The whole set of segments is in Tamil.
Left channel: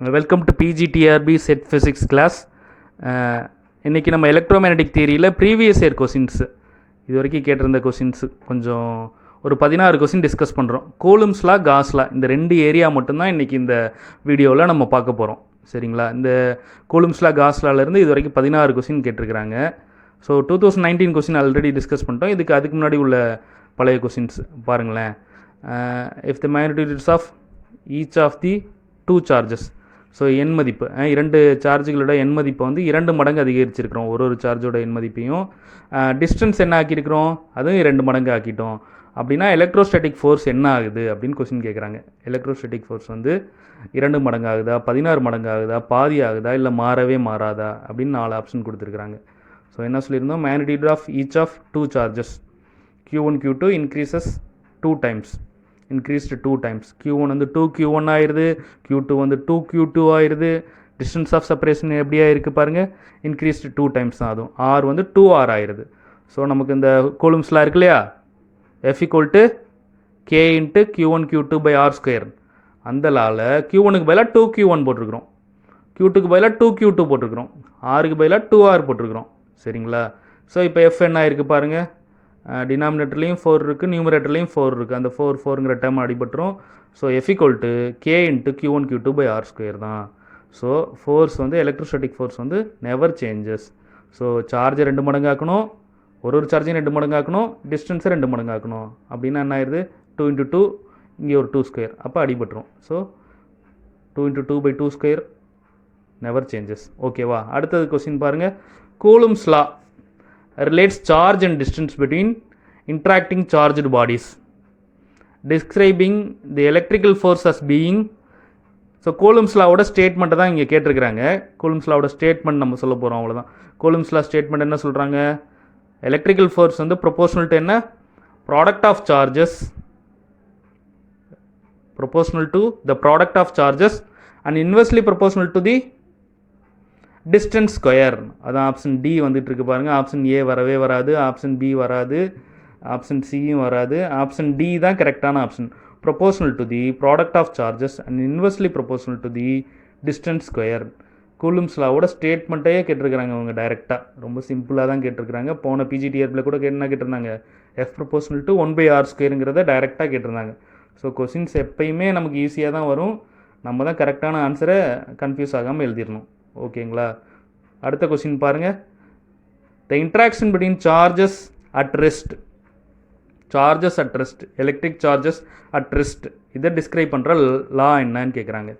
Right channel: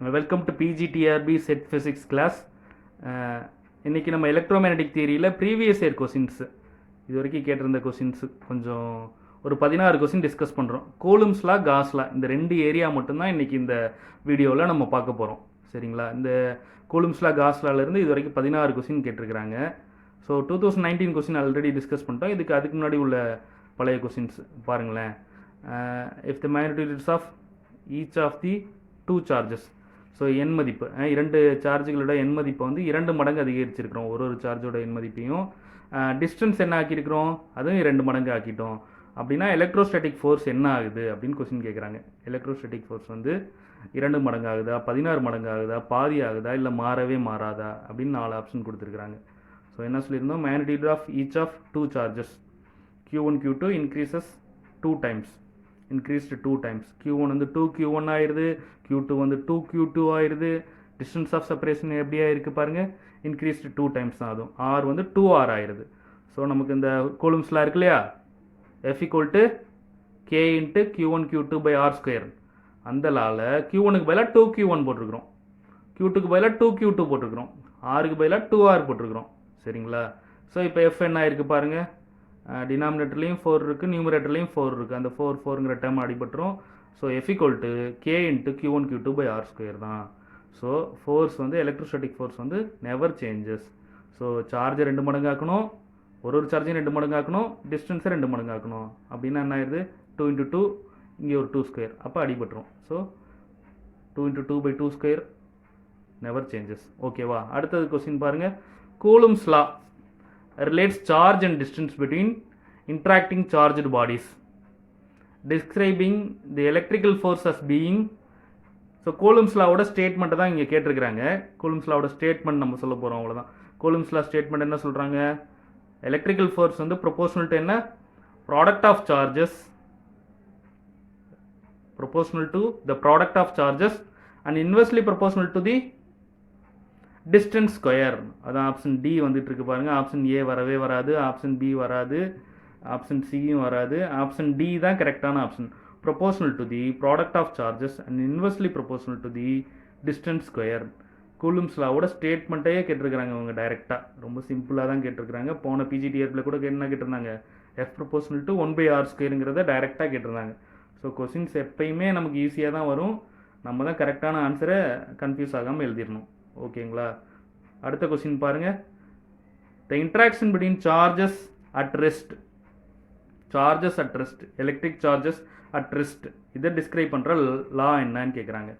Welcome to PGTRB set physics class. இன்றைக்கி நம்ம எலக்ட்ரோமேக்னடிக் தியரியில் ப்ரீவியஸ் இயர் கொஷின்ஸு இது வரைக்கும் கேட்டிருந்த கொஷின்ஸு கொஞ்சம் ஒரு 16 கொஷின் டிஸ்கஸ் பண்ணுறோம். கூலும்ஸ்லா காஸ்லா இந்த 2 ஏரியா மட்டும்தான் இன்றைக்கி இந்த வீடியோவில் நம்ம பார்க்க போகிறோம். சரிங்களா? இந்த கூலும்ஸ்லா காஸ்லாலேருந்து இது வரைக்கும் 16 கொஷின் கேட்டிருக்கிறாங்க. ஸோ 2019 கொஷின் ஆல்ரெடி டிஸ்கஸ் பண்ணிட்டோம். அதுக்கு முன்னாடி உள்ள பழைய கொஷின்ஸ் பாருங்களேன். If the magnitudes of each of the 2 charges, so எண் மதிப்பு 2 சார்ஜுகளோட எண் மதிப்பை வந்து 2 மடங்கு அதிகரிச்சிருக்கிறோம். ஒரு சார்ஜோட எண் மதிப்பையும் டிஸ்டன்ஸ் என்ன ஆக்கியிருக்கிறோம், அதுவும் 2 மடங்கு ஆக்கிட்டோம். அப்படின்னா எலக்ட்ரோஸ்டாட்டிக் ஃபோர்ஸ் என்ன ஆகுது அப்படின்னு கொஸ்டின் கேட்குறாங்க. எலக்ட்ரோஸ்டாட்டிக் ஃபோர்ஸ் வந்து 2 மடங்கு ஆகுதா, 16 மடங்கு ஆகுதா, பாதி ஆகுதா, இல்லை மாறவே மாறாதா அப்படின்னு 4 ஆப்ஷன் கொடுத்துருக்குறாங்க. ஸோ என்ன சொல்லியிருந்தோம், magnitude of each of 2 charges Q1 Q2 increases 2 times, increased 2 times. Q1 வந்து 2Q1 ஆயிடுது, Q2 வந்து 2Q2 ஆயிடுது. டிஸ்டன்ஸ் ஆஃப் செப்பரேஷன் எப்படியா இருக்குது பாருங்கள், இன்க்ரீஸ்டு 2 டைம்ஸ் தான். அதுவும் R வந்து 2R ஆயிடுது. ஸோ நமக்கு இந்த கூலும்ஸ்லாம் இருக்கு இல்லையா, F = K × Q1 Q2 / R². அந்த லால Q1க்கு பதிலாக 2Q1 போட்டிருக்கிறோம், Q2க்கு பதிலாக 2Q2 போட்டிருக்கிறோம், Rக்கு பதிலாக 2R போட்டிருக்கிறோம். சரிங்களா? ஸோ இப்போ F என்ன ஆயிருக்கு பாருங்கள், டினாமினேட்டர்லேயும் 4 இருக்குது, நியூமரேட்டர்லேயும் 4 இருக்குது. அந்த 4ங்கிற டேர்ம் அடிபட்டுரும். So F = K × Q1 Q2 / R² தான். ஸோ ஃபோர்ஸ் வந்து எலக்ட்ரோஸ்டாட்டிக் ஃபோர்ஸ் வந்து நெவர் சேஞ்சஸ். ஸோ சார்ஜை 2 மடங்கு ஆக்கணும், ஒரு சார்ஜையும் 2 மடங்கு ஆக்கணும், டிஸ்டன்ஸை 2 மடங்கு ஆக்கணும். அப்படின்னா என்ன ஆயிடுது, 2 × 2, இங்கே ஒரு 2², அப்போ அடிபட்டுரும். So 2 × 2/2² never changes. ஓகேவா? அடுத்தது கொஸ்டின் பாருங்கள். Coulomb's law relates charge and distance between interacting charged bodies, describing the electrical force as being. So Coulomb's லாவோட ஸ்டேட்மெண்ட்டை தான் இங்கே கேட்டிருக்கிறாங்க. கூலும்ஸ் லாவோட ஸ்டேட்மெண்ட் நம்ம சொல்ல போகிறோம், அவ்வளோதான். கூலும்ஸ் லா ஸ்டேட்மெண்ட் என்ன சொல்கிறாங்க, எலக்ட்ரிக்கல் ஃபோர்ஸ் வந்து ப்ரொபோஷனல் டு என்ன, product of charges, proportional to the product of charges and inversely proportional to the distance square. அதான் ஆப்ஷன் டி வந்துட்டு இருக்கு பாருங்கள். ஆப்ஷன் ஏ வரவே வராது, ஆப்ஷன் பி வராது, ஆப்ஷன் சியும் வராது. ஆப்ஷன் டி தான் கரெக்டான option. Proportional to the product of charges and inversely proportional to the distance square. Coulomb's லாவோட ஸ்டேட்மெண்ட்டே கேட்டிருக்கிறாங்க அவங்க டைரெக்டாக. ரொம்ப சிம்பிளாக தான் கேட்டிருக்கிறாங்க. போன பிஜிடிஆர்பியில் கூட என்ன கேட்டிருந்தாங்க, F ப்ரொபோஷனல் டு 1/R² டைரெக்டாக கேட்டிருந்தாங்க. ஸோ கொஸ்டின்ஸ் எப்பயுமே நமக்கு ஈஸியாக தான் வரும். நம்ம தான் கரெக்டான ஆன்சரை கன்ஃபியூஸ் ஆகாமல் எழுதிடணும். ஓகேங்களா? அடுத்த கொஸ்டின் பாருங்கள். The interaction between charges at rest, charges at rest, electric charges at rest, இதை டிஸ்கிரைப் பண்ணுற லா என்னன்னு கேட்குறாங்க.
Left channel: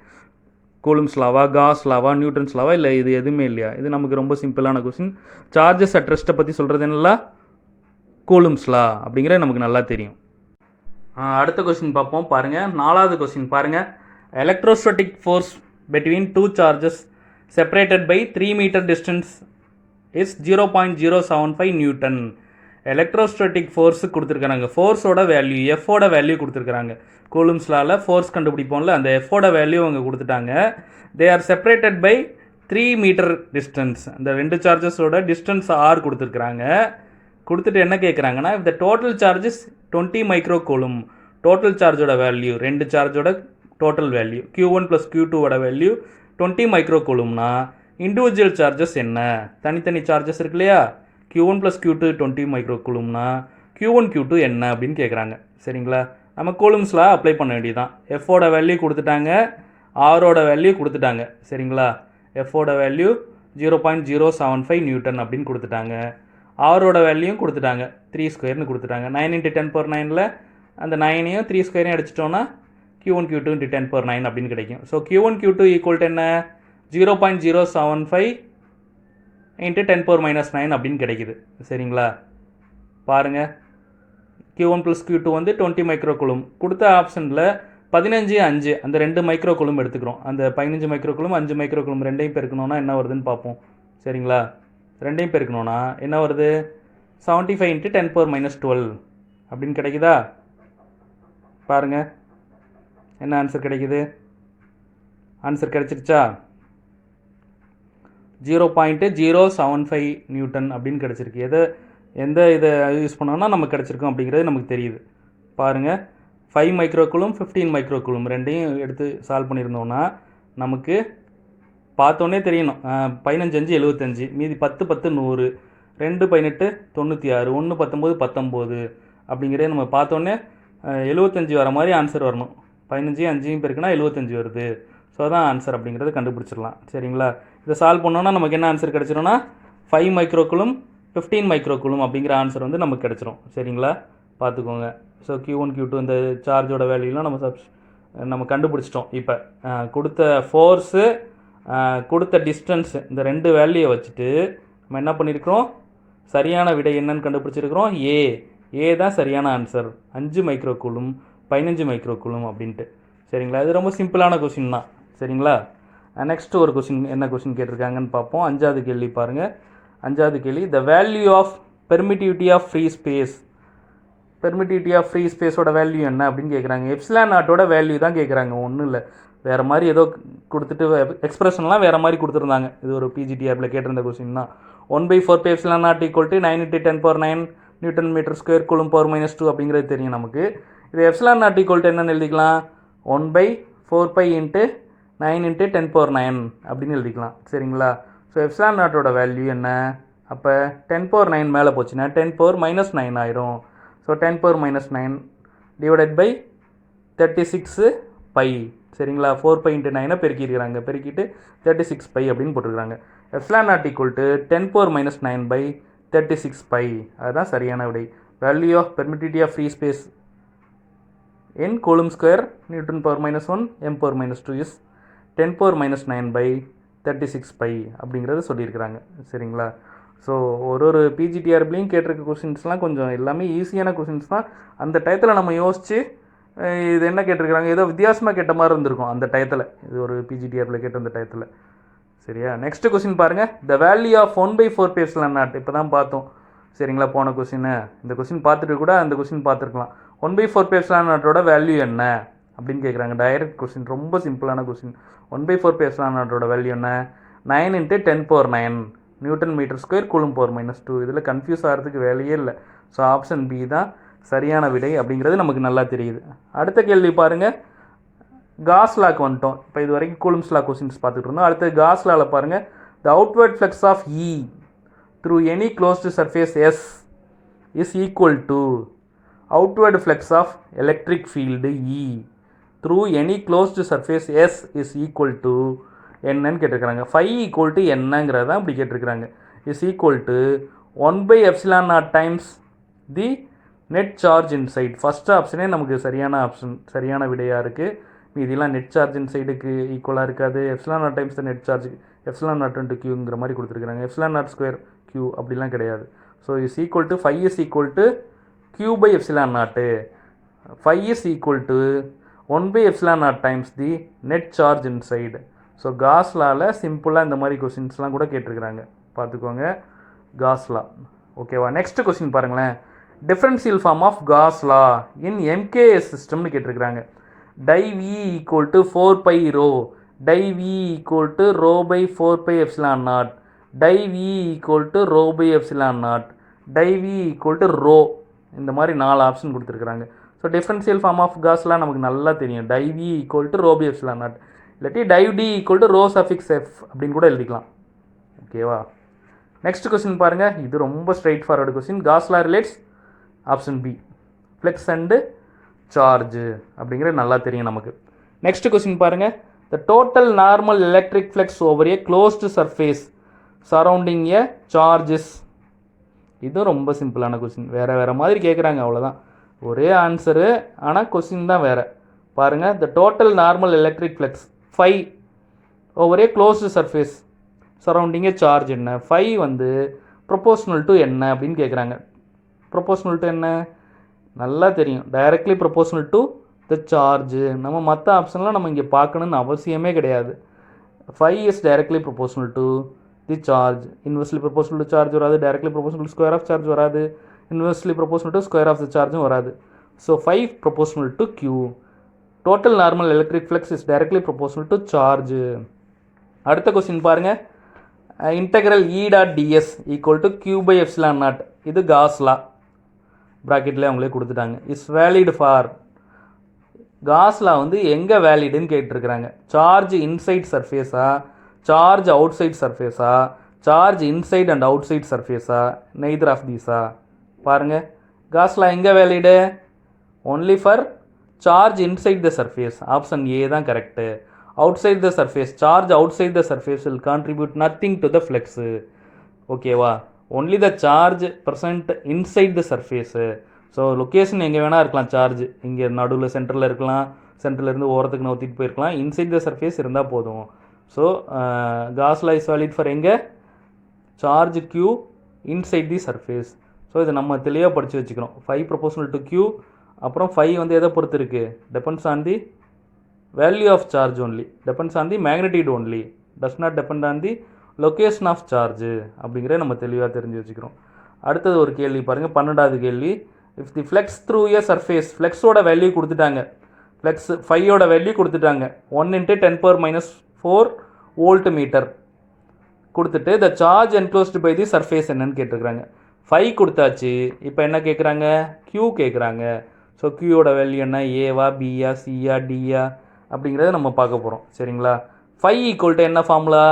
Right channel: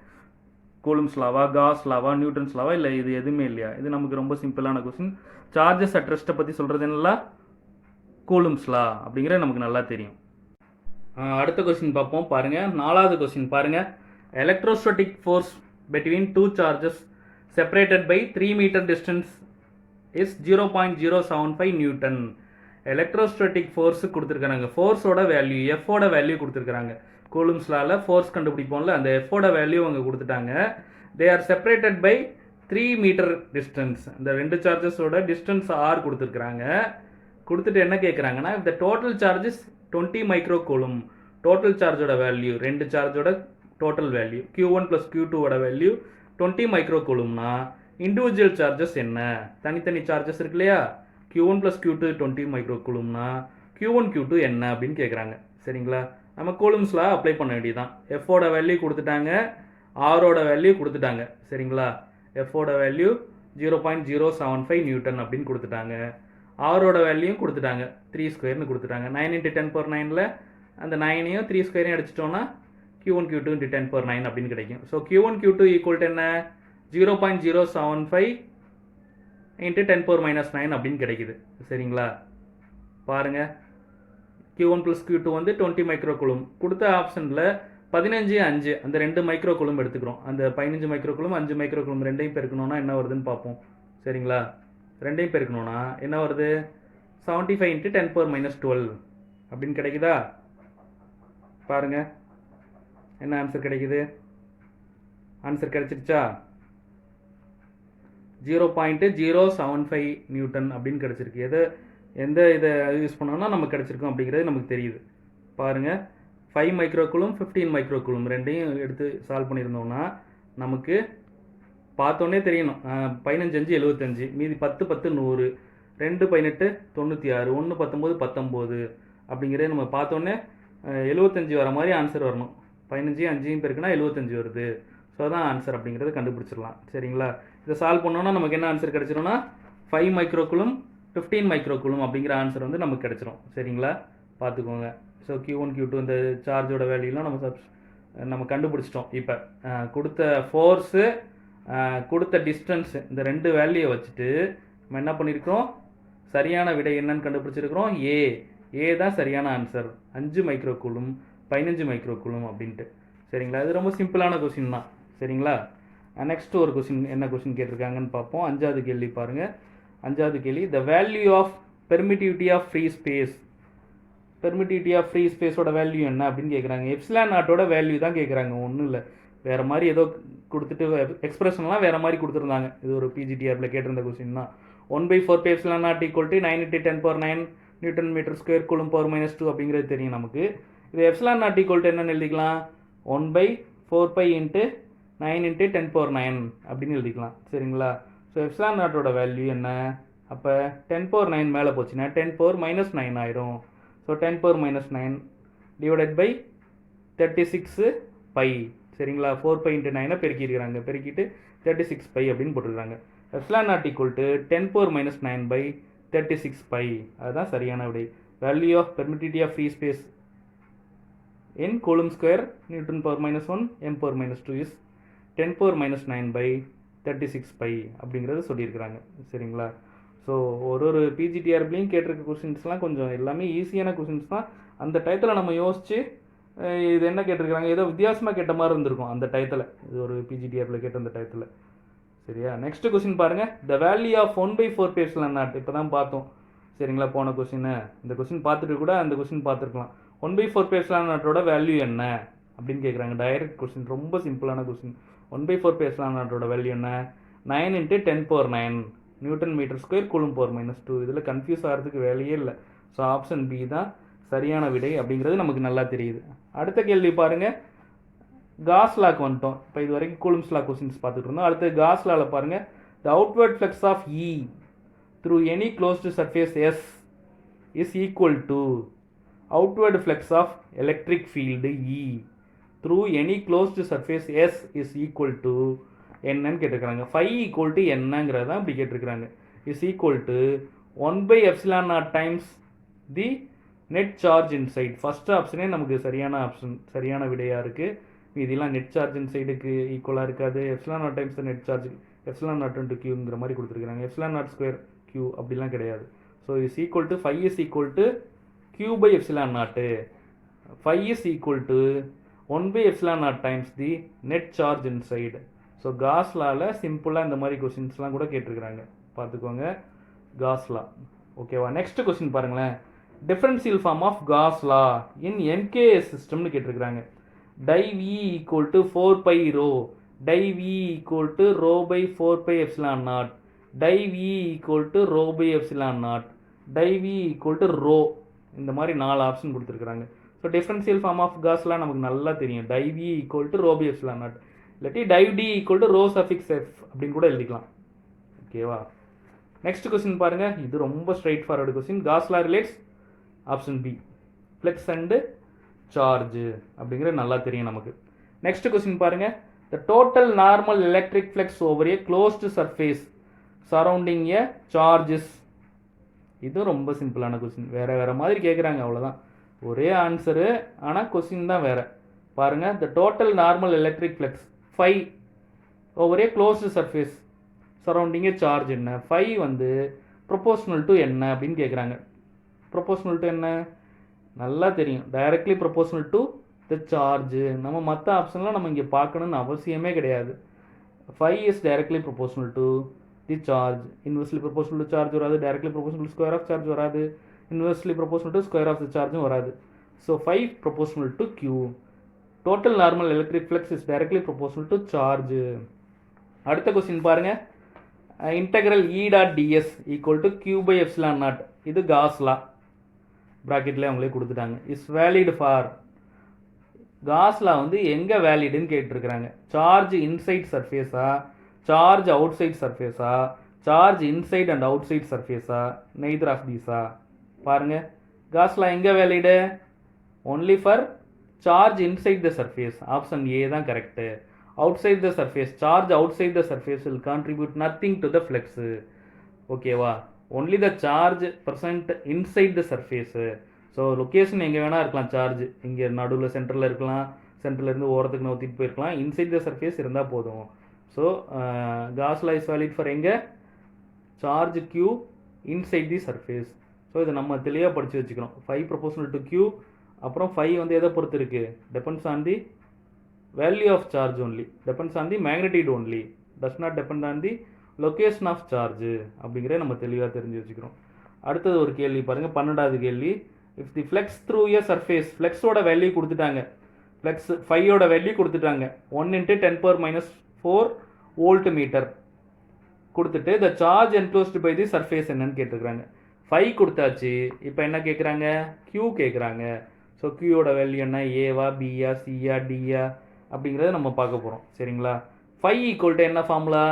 கூலும்ஸ் லாவா, காஸ் லாவா, நியூட்டன்ஸ் லாவா, இல்லை இது எதுவுமே இல்லையா? இது நமக்கு ரொம்ப சிம்பிளான கொஸ்டின். சார்ஜஸ் அட் ரெஸ்ட்டை பற்றி சொல்கிறது என்னலா, கூலும்ஸ் லா அப்படிங்கிறது நமக்கு நல்லா தெரியும். அடுத்த கொஸ்டின் பார்ப்போம் பாருங்கள். 4வது கொஸ்டின் பாருங்கள். Electrostatic force between 2 charges separated by 3 meter distance is 0.075 newton. Electrostatic force கொடுத்துருக்காங்க. ஃபோர்ஸோட வேல்யூ, எஃபோட வேல்யூ கொடுத்துருக்காங்க. கூலும்ஸ் லாவில் ஃபோர்ஸ் கண்டுபிடிப்போம்ல, அந்த எஃபோட வேல்யூ அவங்க கொடுத்துட்டாங்க. They are separated by 3 metre distance. அந்த 2 சார்ஜஸோட டிஸ்டன்ஸ் ஆர் கொடுத்துருக்குறாங்க. கொடுத்துட்டு என்ன கேட்குறாங்கன்னா, இந்த total charges 20 micro coulomb. Total சார்ஜோட வேல்யூ, 2 சார்ஜோட டோட்டல் வேல்யூ, Q1 + Q2ஓட வேல்யூ 20 மைக்ரோ கூலும்னா இண்டிவிஜுவல் சார்ஜஸ் என்ன, தனித்தனி சார்ஜஸ் இருக்கு இல்லையா, Q1 + Q2 20 micro கூலும்னா Q1 Q2 என்ன அப்படின்னு கேட்குறாங்க. சரிங்களா? நம்ம கூலும்ஸில் அப்ளை பண்ண வேண்டியதான். எஃபோட வேல்யூ கொடுத்துட்டாங்க, ஆரோட வேல்யூ கொடுத்துட்டாங்க. சரிங்களா? எஃபோட வேல்யூ 0.075 நியூட்டன் அப்படின்னு கொடுத்துட்டாங்க. ஆரோட வேல்யூயும் கொடுத்துட்டாங்க, 3² கொடுத்துட்டாங்க. 9 × 10⁹ அந்த 9ஐயும் 3² அடிச்சிட்டோன்னா Q1 Q2 × 10⁹ அப்படின்னு கிடைக்கும். ஸோ Q1 Q2 = என்ன, 0.075 × 10⁻⁹ அப்படின்னு கிடைக்குது. சரிங்களா? பாருங்கள். Q1 + Q2 வந்து 20 மைக்ரோ கூலும். கொடுத்த ஆப்ஷனில் 15, 5 அந்த 2 மைக்ரோ கூலும் எடுத்துக்கிறோம். அந்த 15 மைக்ரோ கூலும் 5 மைக்ரோ கூலும் ரெண்டையும் பெருக்கணும்னா என்ன வருதுன்னு பார்ப்போம். சரிங்களா? ரெண்டையும் பெருக்கணும்னா என்ன வருது, 75 × 10⁻12 அப்படின்னு கிடைக்குதா? பாருங்கள் என்ன ஆன்சர் கிடைக்குது. ஆன்சர் கிடைச்சிருச்சா, 0.075 நியூட்டன் அப்படின்னு கிடச்சிருக்கு. எந்த இதை யூஸ் பண்ணோன்னா நமக்கு கிடச்சிருக்கோம் அப்படிங்கிறது நமக்கு தெரியுது. பாருங்கள், 5 மைக்ரோ கூலும் 15 மைக்ரோ கூலும் ரெண்டையும் எடுத்து சால்வ் பண்ணியிருந்தோம்னா நமக்கு பார்த்தோன்னே தெரியணும். 15 5 75, மீதி 10 10 100, 2 18 96, 1 19 19 அப்படிங்கிறத நம்ம பார்த்தோன்னே 75 வர மாதிரி ஆன்சர் வரணும். 15 5 பெருக்குனா 75 வருது. ஸோ அதான் ஆன்சர் அப்படிங்கிறத கண்டுபிடிச்சிடலாம். சரிங்களா? இதை சால்வ் பண்ணோன்னா நமக்கு என்ன ஆன்சர் கிடச்சிரும்னா 5 மைக்ரோகுலும் 15 மைக்ரோகுலும் அப்படிங்கிற ஆன்சர் வந்து நமக்கு கிடச்சிரும். சரிங்களா? பார்த்துக்கோங்க. ஸோ Q1 Q2 இந்த சார்ஜோட வேல்யூலாம் நம்ம கண்டுபிடிச்சிட்டோம். இப்போ கொடுத்த ஃபோர்ஸு கொடுத்த டிஸ்டன்ஸு இந்த 2 வேல்யூயை வச்சுட்டு நம்ம என்ன பண்ணியிருக்கிறோம், சரியான விடை என்னன்னு கண்டுபிடிச்சிருக்கிறோம். ஏ தான் சரியான ஆன்சர். 5 மைக்ரோகுலும் 15 மைக்ரோகுலும் அப்படின்ட்டு. சரிங்களா? இது ரொம்ப சிம்பிளான கொஷின் தான். சரிங்களா? நெக்ஸ்ட்டு ஒரு கொஷின், என்ன கொஷின் கேட்டிருக்காங்கன்னு பார்ப்போம். 5வது கேள்வி பாருங்கள். 5வது கேள்வி, the value of permittivity of free space. Permittivity of free ஸ்பேஸோட வேல்யூ என்ன அப்படின்னு கேட்குறாங்க. எப்சிலான் நாட்டோட வேல்யூ தான் கேட்குறாங்க, ஒன்றும் இல்லை. வேறு மாதிரி ஏதோ கொடுத்துட்டு எக்ஸ்பிரஷன்லாம் வேறு மாதிரி கொடுத்துருந்தாங்க. இது ஒரு பிஜிடிஆரில் கேட்டிருந்த கொஸ்டின் தான். 1/4 epsilon not equal to 9 × 10⁹ newton metre square coulomb power -2 அப்படிங்கிறது தெரியும் நமக்கு. இது எப்சிலான் நாட் ஈக்குவல் டு என்னென்னு எழுதிக்கலாம், 1/4 × 9 × 10⁹ அப்படின்னு எழுதிக்கலாம். சரிங்களா? ஸோ எப்சிலான் நாட்டோட வேல்யூ என்ன, அப்போ 10⁹ மேலே போச்சுன்னா 10⁻⁻9 ஆயிரும். So 10⁻⁻9 divided by 36 pi. சரிங்களா? 4π × 9 பெருக்கியிருக்கிறாங்க, பெருக்கிட்டு 36 பை அப்படின்னு போட்டிருக்காங்க. Epsilon not equal to 10⁻⁻9/36 pi. அதுதான் சரியான விடை. Value of permittivity of free space in coulomb square newton power -1 m power -2 is 10⁻⁹ pi அப்படிங்கிறத சொல்லியிருக்கிறாங்க. சரிங்களா? ஸோ ஒரு பிஜிடிஆர்பிலையும் கேட்டிருக்க கொஷின்ஸ்லாம் கொஞ்சம் எல்லாமே ஈஸியான கொஷின்ஸ் தான். அந்த டயத்தில் நம்ம யோசித்து இது என்ன கேட்டிருக்கிறாங்க, ஏதோ வித்தியாசமாக கேட்ட மாதிரி இருந்திருக்கும் அந்த டயத்தில். இது ஒரு பிஜிடிஆரில் கேட்ட அந்த டயத்தில். சரியா? நெக்ஸ்ட் கொஸ்டின் பாருங்கள். The value of 1/4 epsilon not இப்போ தான் பார்த்தோம். சரிங்களா? போன கொஸ்டின், இந்த கொஸ்டின் பார்த்துட்டு கூட அந்த கொஸ்டின் பார்த்துருக்கலாம். 1/4 எப்சிலான் நாட்டோட வேல்யூ என்ன அப்படின்னு கேட்குறாங்க. டைரக்ட் கொஸ்டின், ரொம்ப சிம்பிளான கொஸ்டின். 1/4 எப்சிலான் நாட்டோட வேல்யூ என்ன, 9 × 10⁹ newton metre square coulomb power -2. இதில் கன்ஃபியூஸ் ஆகிறதுக்கு வேலையே இல்லை. ஸோ ஆப்ஷன் பி தான் சரியான விடை அப்படிங்கிறது நமக்கு நல்லா தெரியுது. அடுத்த கேள்வி பாருங்கள். காஸ் லாக்கு வந்துட்டோம். இப்போ இது வரைக்கும் கூலும்ஸ் லா கொஸ்டின்ஸ் பார்த்துட்டு இருந்தோம். அடுத்து காஸ் லாவில் பாருங்கள். The outward flux of E through any closed surface S is equal to outward flux of electric field E through any closed surface S is equal to என்னன்னு கேட்டிருக்கிறாங்க. φ என்னங்கிறது தான் இப்படி கேட்டிருக்கிறாங்க. Is equal to 1/ε0 times the net charge inside. First ஆப்ஷனே நமக்கு சரியான ஆப்ஷன், சரியான விடையாக இருக்குது. இதெல்லாம் நெட் சார்ஜ் இன்சைடுக்கு ஈக்குவலாக இருக்காது. ε0 டைம்ஸ் த நெட் சார்ஜ், ε0 × Qங்கிற மாதிரி கொடுத்துருக்குறாங்க. ε0² Q அப்படிலாம் கிடையாது. So is equal to φ is equal to Q/ε0. φ is equal to 1/ε0 times the net charge inside. So Gauss லாவில் சிம்பிளாக இந்த மாதிரி கொஸ்டின்ஸ்லாம் கூட கேட்டிருக்கிறாங்க, பார்த்துக்கோங்க. Gauss law. ஓகேவா? நெக்ஸ்ட் கொஸ்டின் பாருங்களேன். Differential form of Gauss law in MKS சிஸ்டம்னு கேட்டிருக்கிறாங்க. Div V equal to 4πρ, div V equal to ρ/4πε0, div V equal to ρ/ε0, div V equal to ρ. இந்த மாதிரி 4 ஆப்ஷன் கொடுத்துருக்குறாங்க. ஸோ டிஃபரன்ஷியல் ஃபார்ம் ஆஃப் காஸ்லாம் நமக்கு நல்லா தெரியும். டை V ஈக்குவல் டு ρ/ε0, இல்லாட்டி tie D equal to ρ(f) அப்படின்னு கூட எழுதிக்கலாம். ஓகேவா? நெக்ஸ்ட் கொஸ்டின் பாருங்கள். இது ரொம்ப straightforward question. Gauss law relates option B, flux and charge அப்படிங்கிறது நல்லா தெரியும் நமக்கு. நெக்ஸ்ட் கொஸ்டின் பாருங்கள். The total normal electric flux over a closed surface surrounding a charges. இதுவும் ரொம்ப சிம்பிளான கொஸ்டின். வேறு மாதிரி கேட்குறாங்க, அவ்வளோதான். ஒரே ஆன்சரு, ஆனால் கொஸ்டின் தான் வேறு. பாருங்கள். The total normal electric flux φ over a closed surface surrounding a charge என்ன, φ வந்து ப்ரொபோஷனல் டு என்ன அப்படின்னு கேட்குறாங்க. ப்ரொபோஷனல் டு என்ன நல்லா தெரியும், directly proportional to the charge. நம்ம மற்ற ஆப்ஷன்லாம் நம்ம இங்கே பார்க்கணுன்னு அவசியமே கிடையாது. φ is directly proportional to the charge. Inversely proportional to charge வராது, directly proportional to square of charge வராது, inversely proportional to square of the சார்ஜும் வராது. So φ proportional to Q. Total normal electric flux is directly proportional to charge. அடுத்த கொஸ்டின் பாருங்கள். Integral E.ds equal to Q/ε0. இது காஸ் லா, ப்ராக்கெட்லேயே அவங்களே கொடுத்துட்டாங்க. Is valid for Gauss law வந்து எங்கே வேலிடுன்னு கேட்டிருக்கிறாங்க. சார்ஜ் இன்சைட் சர்ஃபேஸா, சார்ஜ் அவுட் சைட் சர்ஃபேஸா, charge inside and outside சர்ஃபேஸா, நெய்தர் ஆஃப் தீஸா. பாருங்கள், காஸ் லா எங்கே valid? Only for charge inside the surface. Option A தான் correct. Outside the surface, charge outside the surface will contribute nothing to the flux. ஓகேவா? Only the charge present inside the surface. So location எங்கே வேணால் இருக்கலாம். சார்ஜ் இங்கே நடுவில் சென்டரில் இருக்கலாம், சென்டர்லேருந்து ஓரத்துக்கு நோத்திட்டு போயிருக்கலாம். இன்சைட் த சர்ஃபேஸ் இருந்தால் போதும். So Gauss law is valid for எங்கே? Charge q inside the surface. So இதை நம்ம தெளிவாக படித்து வச்சுக்கிறோம். 5 ப்ரொபோஷனல் டு q. அப்புறம் 5 வந்து எதை பொறுத்து இருக்குது? Depends on the value of charge only, depends on the magnitude only, does not depend on the location of charge அப்படிங்கிறத நம்ம தெளிவாக தெரிஞ்சு வச்சுக்கிறோம். அடுத்தது ஒரு கேள்வி பாருங்கள், 12வது கேள்வி. If the flux through a surface, ஃப்ளெக்ஸோட வேல்யூ கொடுத்துட்டாங்க, ஃப்ளெக்ஸ் 5ஓட வேல்யூ கொடுத்துட்டாங்க. 1 × 10⁻⁴ வோல்ட் மீட்டர் கொடுத்துட்டு the charge enclosed by the surface என்னன்னு கேட்டிருக்கிறாங்க. 5 கொடுத்தாச்சு. இப்போ என்ன கேட்குறாங்க? q கேட்குறாங்க. ஸோ க்யூவோட வேல்யூ என்ன? ஏவா, பியா, சியா, டியா அப்படிங்கிறத நம்ம பார்க்க போகிறோம். சரிங்களா? 5 ஈக்குவல் டு என்ன ஃபார்முலா?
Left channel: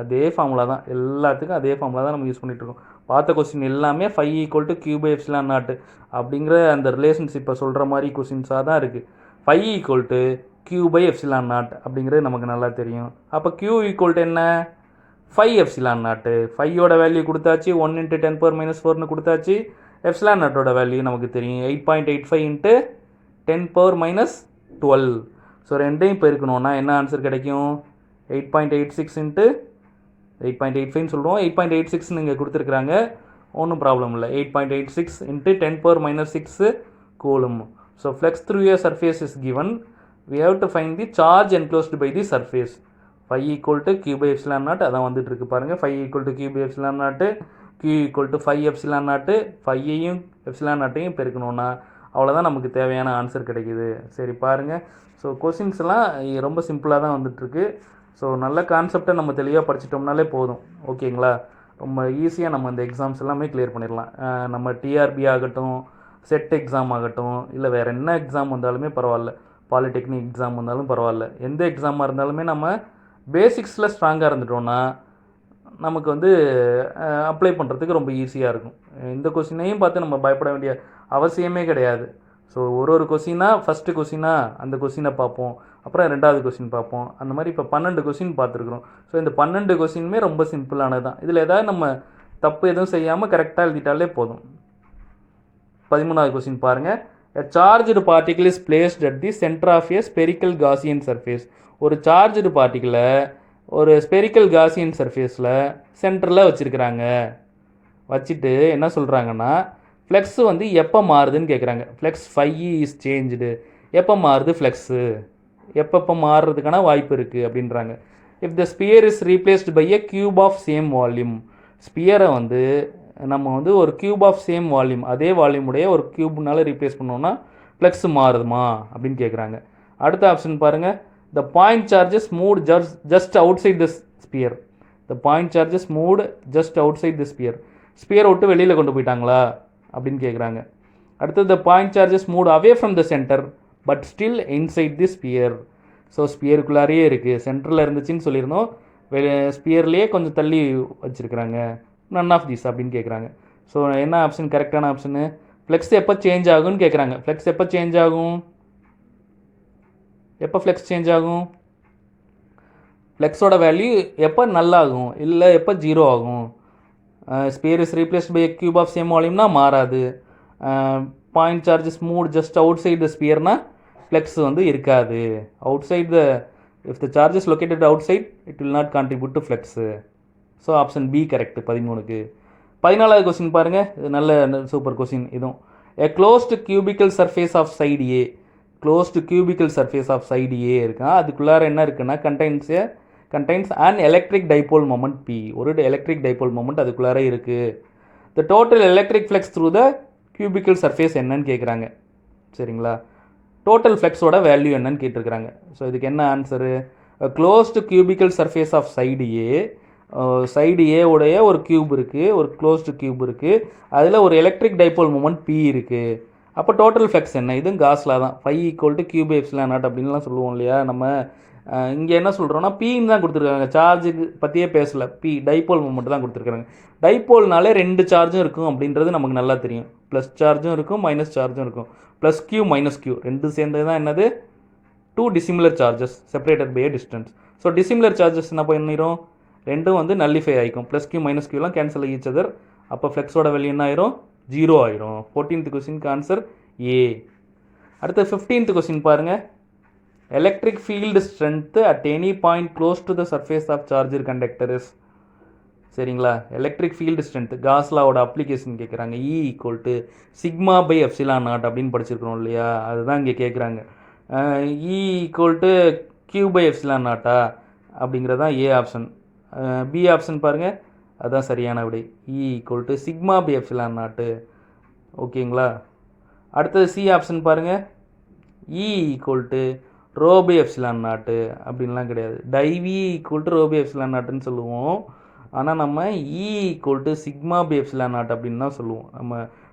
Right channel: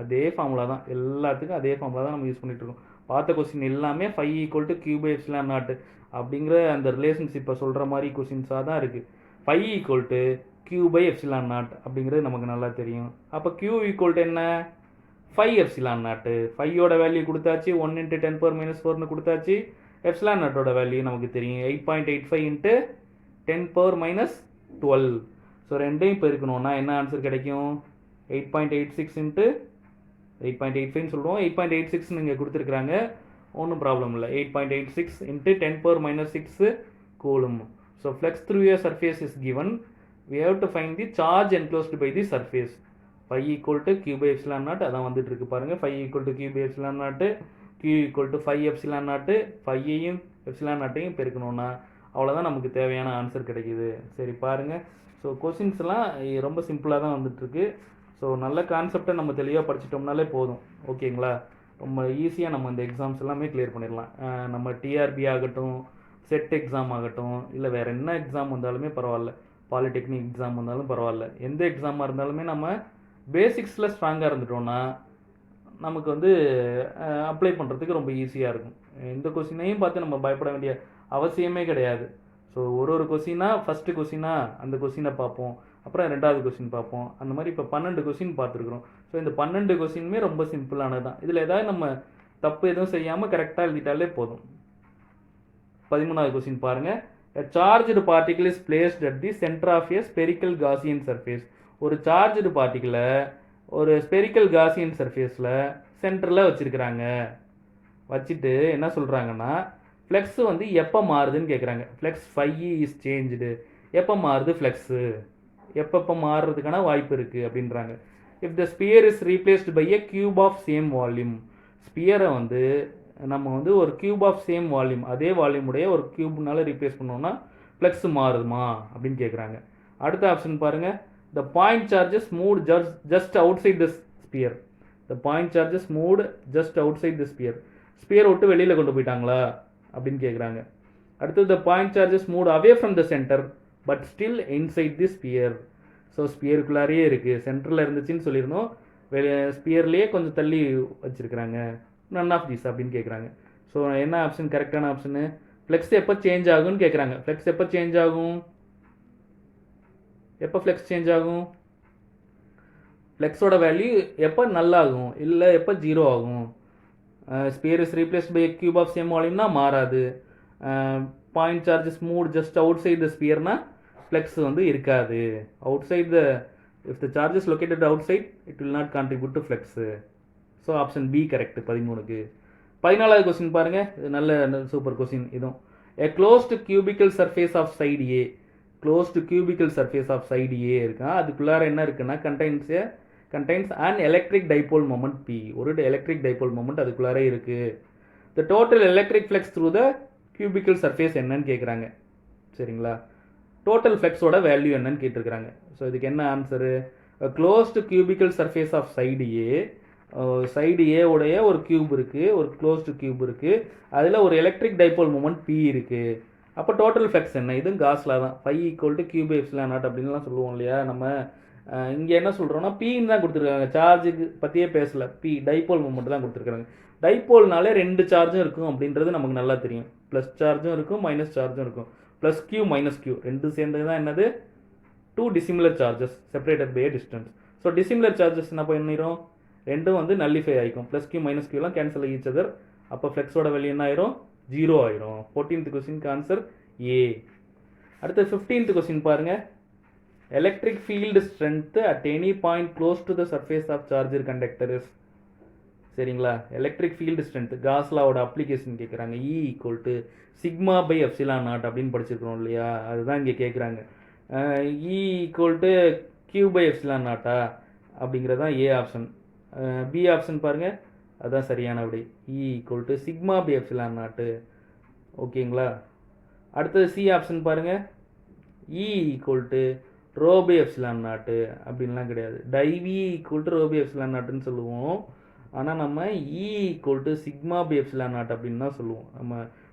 அதே ஃபார்முலா தான், எல்லாத்துக்கும் அதே ஃபார்முலா தான் நம்ம யூஸ் பண்ணிகிட்ருக்கோம். பார்த்த கொஸ்டின் எல்லாமே 5 ஈக்குவல் டு q/ε0 அப்படிங்கிற அந்த ரிலேஷன்ஷிப்பை சொல்கிற மாதிரி கொஸ்டின்ஸாக தான் இருக்குது. 5 ஈக்குவல் டு q/ε0 அப்படிங்கிறது நமக்கு நல்லா தெரியும். அப்போ q ஈக்குவல் டு என்ன? 5ε0. 5ஓட வேல்யூ கொடுத்தாச்சு, 1 × 10⁻⁴ கொடுத்தாச்சு. ε0ஓட வேல்யூ நமக்கு தெரியும், 8.85 × 10⁻12. ஸோ ரெண்டையும் பெருக்கணும்னா என்ன ஆன்சர் கிடைக்கும்? 8.86 × 8.85 சொல்லுவோம். 8.86 இங்கே கொடுத்துருக்குறாங்க, ஒன்றும் ப்ராப்ளம் இல்லை. 8.86 × 10⁻⁶ coulomb. So flux through a surface is given. We have to find the charge enclosed by the surface. 5 equal to q/ε0 அதான் வந்துட்டு இருக்கு பாருங்கள். 5 equal to q/ε0, q equal to 5ε0. 5ஐயும் ε0ஐயும் பெருக்கணும்னா அவ்வளோதான் நமக்கு தேவையான ஆன்சர் கிடைக்கிது. சரி பாருங்கள். ஸோ கொஸ்டின்ஸ்லாம் ரொம்ப சிம்பிளாக தான் வந்துட்டுருக்கு. ஸோ நல்ல கான்செப்டை நம்ம தெளிவாக படிச்சிட்டோம்னாலே போதும். ஓகேங்களா? ரொம்ப ஈஸியாக நம்ம இந்த எக்ஸாம்ஸ் எல்லாமே கிளியர் பண்ணிடலாம். நம்ம டிஆர்பி ஆகட்டும், செட் எக்ஸாம் ஆகட்டும், இல்லை வேறு என்ன எக்ஸாம் வந்தாலுமே பரவாயில்ல, பாலிடெக்னிக் எக்ஸாம் வந்தாலும் பரவாயில்ல, எந்த எக்ஸாமாக இருந்தாலுமே நம்ம பேசிக்ஸில் ஸ்ட்ராங்காக இருந்துட்டோம்னா நமக்கு வந்து அப்ளை பண்ணுறதுக்கு ரொம்ப ஈஸியாக இருக்கும். இந்த கொஸ்டினையும் பார்த்து நம்ம பயப்பட வேண்டிய அவசியமே கிடையாது. ஸோ ஒரு கொஸ்டினாக ஃபஸ்ட்டு கொஸ்டினாக அந்த கொஸ்டினை பார்ப்போம், அப்புறம் 2வது கொஸ்டின் பார்ப்போம். அந்த மாதிரி இப்போ 12 கொஸ்டின் பார்த்துருக்குறோம். ஸோ இந்த 12 கொஸ்டினுமே ரொம்ப சிம்பிளானது தான். இதில் ஏதாவது நம்ம தப்பு எதுவும் செய்யாமல் கரெக்டாக எழுதிட்டாலே போதும். 13வது கொஸ்டின் பாருங்கள். A charged particle is placed at the center of a spherical Gaussian surface. ஒரு சார்ஜ்டு பார்ட்டிக்கிளை ஒரு ஸ்பெரிக்கல் காசியன் சர்ஃபேஸில் சென்டரில் வச்சுருக்கிறாங்க. வச்சுட்டு என்ன சொல்கிறாங்கன்னா, ஃப்ளெக்ஸு வந்து எப்போ மாறுதுன்னு கேட்குறாங்க. Flux 5 is changed. எப்போ மாறுது ஃப்ளெக்ஸு? எப்பப்போ மாறுறதுக்கான வாய்ப்பு இருக்குது அப்படின்றாங்க. If the sphere is replaced by a cube of same volume. ஸ்பியரை வந்து நம்ம வந்து ஒரு கியூப் ஆஃப் சேம் வால்யூம், அதே வால்யூமுடைய ஒரு கியூப்னால ரீப்ளேஸ் பண்ணோன்னா ஃப்ளெக்ஸ் மாறுதுமா அப்படின்னு கேட்குறாங்க. அடுத்த ஆப்ஷன் பாருங்கள். The point charges moved just outside the sphere. The point charges moved just outside the sphere. ஸ்பியரை விட்டு வெளியில் கொண்டு போயிட்டாங்களா அப்படின்னு கேட்குறாங்க. அடுத்தது the point charges moved away from the center but still inside the sphere. So ஸ்பியருக்குள்ளாரையே இருக்குது, சென்டரில் இருந்துச்சுன்னு சொல்லியிருந்தோம், ஸ்பியர்லேயே கொஞ்சம் தள்ளி வச்சுருக்குறாங்க. நன் ஆஃப் தீஸ் அப்படின்னு கேட்குறாங்க. ஸோ என்ன ஆப்ஷன் கரெக்டான ஆப்ஷனு? ஃப்ளெக்ஸ் எப்போ சேஞ்ச் ஆகும்னு கேட்குறாங்க. ஃப்ளெக்ஸ் எப்போ சேஞ்ச் ஆகும்? எப்போ ஃப்ளெக்ஸ் சேஞ்ச் ஆகும்? ஃப்ளெக்ஸோட வேல்யூ எப்போ நல்லாகும், இல்லை எப்போ 0 ஆகும்? Sphere is replaced by cube of same வால்யூம்னா மாறாது. Point charges move just outside the ஸ்பியர்னா ஃப்ளெக்ஸ் வந்து இருக்காது. Outside the if the charges located outside it will not contribute to flux. So option B correct 13க்கு. 14வது கொஸ்டின் பாருங்கள். இது நல்ல சூப்பர் கொஸ்டின் இதுவும். A closed cubical surface of side A. Closed cubical surface of side A இருக்கா, அதுக்குள்ளார என்ன இருக்குன்னா contains and electric dipole moment P. ஒரு எலக்ட்ரிக் டைபோல் மொமெண்ட் அதுக்குள்ளார இருக்குது. The total electric flux through the cubical surface என்னன்னு கேட்குறாங்க. சரிங்களா? டோட்டல் ஃப்ளெக்ஸோட வேல்யூ என்னன்னு கேட்டிருக்கிறாங்க. ஸோ இதுக்கு என்ன answer? Closed cubical surface of side A. Side A உடைய ஒரு கியூப் இருக்குது, ஒரு க்ளோஸ்டு கியூப் இருக்குது, அதில் ஒரு எலக்ட்ரிக் டைபோல் மொமெண்ட் பி இருக்குது. அப்போ டோட்டல் ஃப்ளக்ஸ் என்ன? இதுவும் காஸ் லா தான். Phi equal to Q by epsilon not அப்படின்லாம் சொல்லுவோம் இல்லையா நம்ம. இங்கே என்ன சொல்கிறோன்னா பின்னு தான் கொடுத்துருக்காங்க, சார்ஜுக்கு பற்றியே பேசலை. பி டைபோல் மூமெண்ட் தான் கொடுத்துருக்காங்க. டைபோல்னாலே 2 சார்ஜும் இருக்கும் அப்படின்றது நமக்கு நல்லா தெரியும். ப்ளஸ் சார்ஜும் இருக்கும், மைனஸ் சார்ஜும் இருக்கும். ப்ளஸ் கியூ மைனஸ் கியூ ரெண்டு சேர்ந்தது தான் என்னது? 2 dissimilar charges separated by a distance. So dissimilar charges என்ன பண்ணிடும்? ரெண்டும் வந்து நல்லிஃபை ஆகிக்கும். ப்ளஸ் கியூ மைனஸ் கியூலாம் கேன்சல் ஈச் அதர். அப்போ ஃப்ளெக்ஸோட வேல்யூ என்ன ஆயிரும்? 0 ஆயிரும். 14th கொஸ்டினுக்கு ஆன்சர் ஏ. அடுத்து 15th கொஸ்டின் பாருங்கள். Electric field strength at any point close to the surface of charged conductor is. சரிங்களா? எலக்ட்ரிக் ஃபீல்டு ஸ்ட்ரென்த் காஸ் லாவோட அப்ளிகேஷன் கேட்குறாங்க. E equal to sigma by epsilon not அப்படின்னு படிச்சிருக்கிறோம் இல்லையா, அதுதான் இங்கே கேட்குறாங்க. E equal to Q by epsilon நாட்டா அப்படிங்கிறது தான் ஏ ஆப்ஷன். பி ஆப்ஷன் பாருங்கள், அதுதான் சரியான விடை. E equal to sigma by epsilon not. ஓகேங்களா? அடுத்தது சி ஆப்ஷன் பாருங்கள். E equal to rho by epsilon not அப்படின்லாம் கிடையாது. Div E equal to rho by epsilon நாட்டுன்னு சொல்லுவோம். ஆனால் நம்ம E equal to sigma by epsilon not அப்படின்னு தான் சொல்லுவோம். நம்ம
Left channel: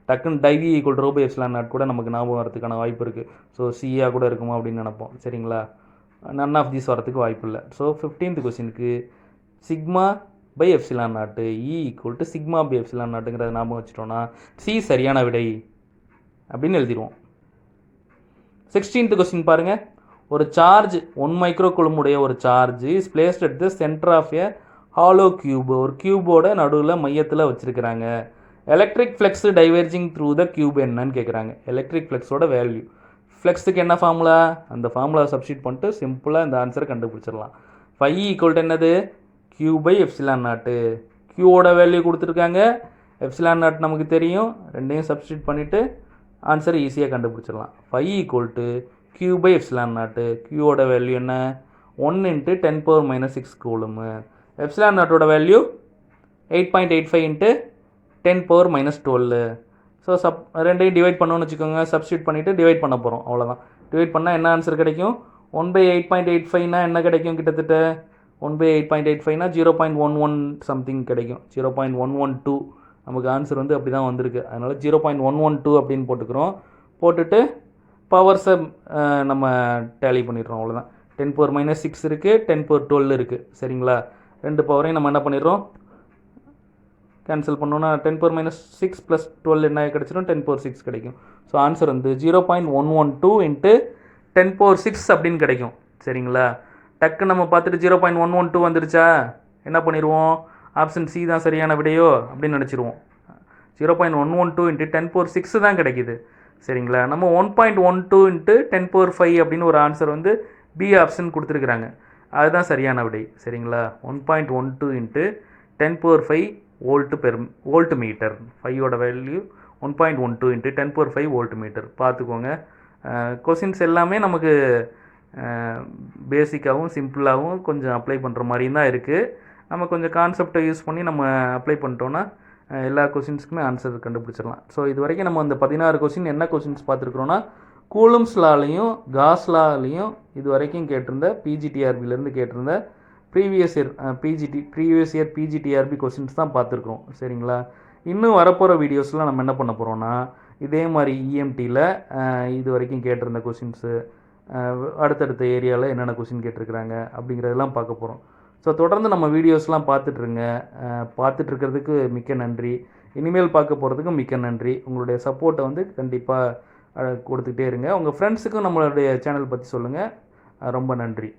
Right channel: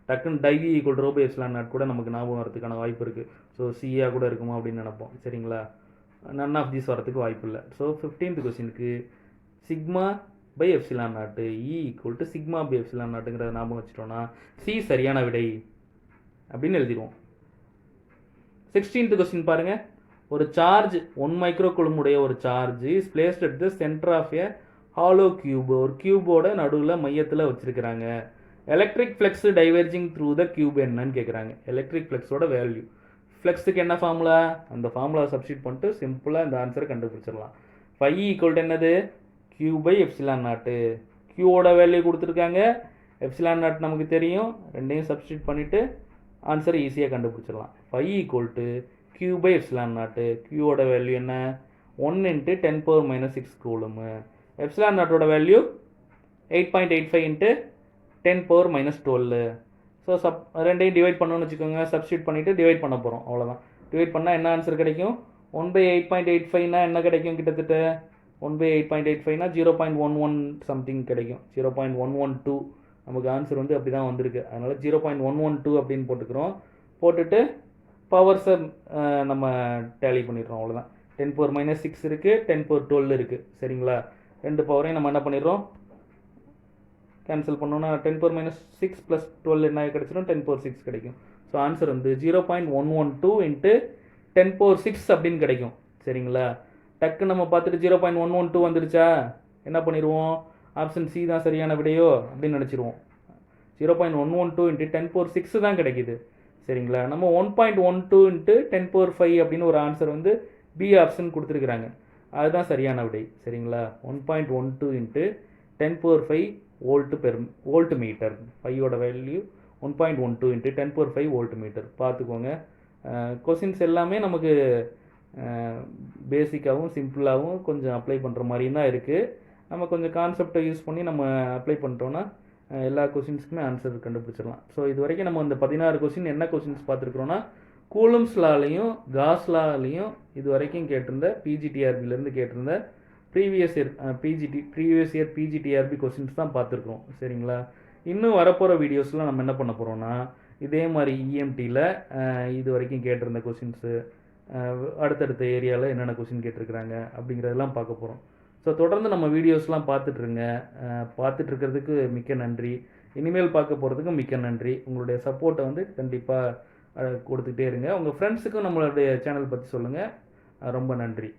டக்குன்னு div E equal to rho by epsilon not கூட நமக்கு ஞாபகம் வரதுக்கான வாய்ப்பு இருக்குது. ஸோ சியாக கூட இருக்குமா அப்படின்னு நினைப்போம். சரிங்களா? நன் ஆஃப் தீஸ் வரத்துக்கு வாய்ப்பு இல்லை. ஸோ 15th கொஸ்டினுக்கு sigma by epsilon not E equal to sigma by epsilon நாட்டுங்கிறத ஞாபகம் வச்சுட்டோன்னா சி சரியான விடை அப்படின்னு எழுதிடுவோம். 16th கொஸ்டின் பாருங்கள். ஒரு சார்ஜ் 1 மைக்ரோ கூலும் உடைய ஒரு charge is placed at the centre of a hollow cube. ஒரு கியூபோட நடுவில் மையத்தில் வச்சுருக்கிறாங்க. Electric flux diverging through the cube என்னன்னு கேட்குறாங்க. Electric ஃப்ளெக்ஸோட value. ஃப்ளெக்ஸுக்கு என்ன ஃபார்முலா? அந்த ஃபார்முலா சப்ஸ்டியூட் பண்ணிட்டு சிம்பிளாக இந்த ஆன்சரை கண்டுபிடிச்சிடலாம். ஃபை ஈக்குவல் டு என்னது? Q by epsilon not. கியூவோட வேல்யூ கொடுத்துருக்காங்க, எப்சிலான் நாட் நமக்கு தெரியும். ரெண்டையும் சப்ஸ்டியூட் பண்ணிவிட்டு ஆன்சரை ஈஸியாக கண்டுபிடிச்சிடலாம். Phi equal to Q by epsilon not. கியூவோட வேல்யூ என்ன? 1 × 10⁻⁶ கூலுமு. எப்சிலான் நாட்டோட வேல்யூ 8.85 × 10⁻12. ஸோ ரெண்டையும் டிவைட் பண்ணோன்னு வச்சுக்கோங்க. சப்ஸ்டியூட் பண்ணிவிட்டு டிவைட் பண்ண போகிறோம், அவ்வளோதான். டிவைட் பண்ணால் என்ன ஆன்சர் கிடைக்கும்? 1/8.85னா என்ன கிடைக்கும்? கிட்டத்தட்ட 1/8.85னா 0.11 சம்திங் கிடைக்கும். 0.112 நமக்கு ஆன்சர் வந்து அப்படி தான் வந்திருக்கு. அதனால் 0.112 அப்படின்னு போட்டுக்கிறோம். போட்டுட்டு பவர்ஸை நம்ம டேலி பண்ணிடுறோம், அவ்வளோதான். 10⁻⁶ இருக்குது, 10⁻12 இருக்குது. சரிங்களா? ரெண்டு பவரையும் நம்ம என்ன பண்ணிடுறோம்? கேன்சல் பண்ணோன்னா 10⁻⁶ + 12 என்ன கிடச்சிடும்? 10⁻6 கிடைக்கும். ஸோ ஆன்சர் வந்து 0.112 × 10⁻6 அப்படின்னு கிடைக்கும். சரிங்களா? டக்கு நம்ம பார்த்துட்டு 0.112 வந்துருச்சா, என்ன பண்ணிடுவோம்? ஆப்ஷன் சி தான் சரியான விடையோ அப்படின்னு நினச்சிருவோம். 0.112 × 10⁻6 தான் கிடைக்கிது. சரிங்களா? நம்ம 1.12 × 10⁻5 அப்படின்னு ஒரு ஆன்சர் வந்து பி ஆப்ஷன் கொடுத்துருக்குறாங்க. அதுதான் சரியான விடை. சரிங்களா? 1.12 × 10⁻5 வோல்ட் மீட்டர். ஃபையோட வேல்யூ 1.12 × 10⁻5 வோல்ட் மீட்டர். பார்த்துக்கோங்க. கொஸ்டின்ஸ் எல்லாமே நமக்கு பேசிக்காகவும் சிம்பிளாகவும் கொஞ்சம் அப்ளை பண்ணுற மாதிரியும் தான் இருக்குது. நம்ம கொஞ்சம் கான்செப்டை யூஸ் பண்ணி நம்ம அப்ளை பண்ணிட்டோன்னா எல்லா கொஸ்டின்ஸுக்குமே ஆன்சர் கண்டுபிடிச்சிடலாம். ஸோ இது வரைக்கும் நம்ம அந்த 16 கொஸ்டின் என்ன கொஸ்டின்ஸ் பார்த்துருக்குறோன்னா, கூலும்ஸ் லாலையும் காஸ் லாலையும் இது வரைக்கும் கேட்டிருந்த பிஜிடிஆர்பிலேருந்து கேட்டிருந்த ப்ரீவியஸ் இயர் பிஜிடிஆர்பி கொஸ்டின்ஸ் தான் பார்த்துருக்குறோம். சரிங்களா? இன்னும் வரப்போகிற வீடியோஸ்லாம் நம்ம என்ன பண்ண போகிறோன்னா, இதே மாதிரி இஎம்டியில் இது வரைக்கும் கேட்டிருந்த கொஸ்டின்ஸு, அடுத்தடுத்த ஏரியாவில் என்னென்ன கொஸ்டின் கேட்டிருக்கிறாங்க அப்படிங்கிறதெல்லாம் பார்க்க போகிறோம். ஸோ தொடர்ந்து நம்ம வீடியோஸ்லாம் பார்த்துட்ருங்க. பார்த்துட்ருக்கிறதுக்கு மிக்க நன்றி. இனிமேல் பார்க்க போகிறதுக்கும் மிக்க நன்றி. உங்களுடைய சப்போர்ட்டை வந்து கண்டிப்பாக கொடுத்துக்கிட்டே இருங்க. உங்கள் ஃப்ரெண்ட்ஸுக்கும் நம்மளுடைய சேனல் பற்றி சொல்லுங்கள். ரொம்ப நன்றி.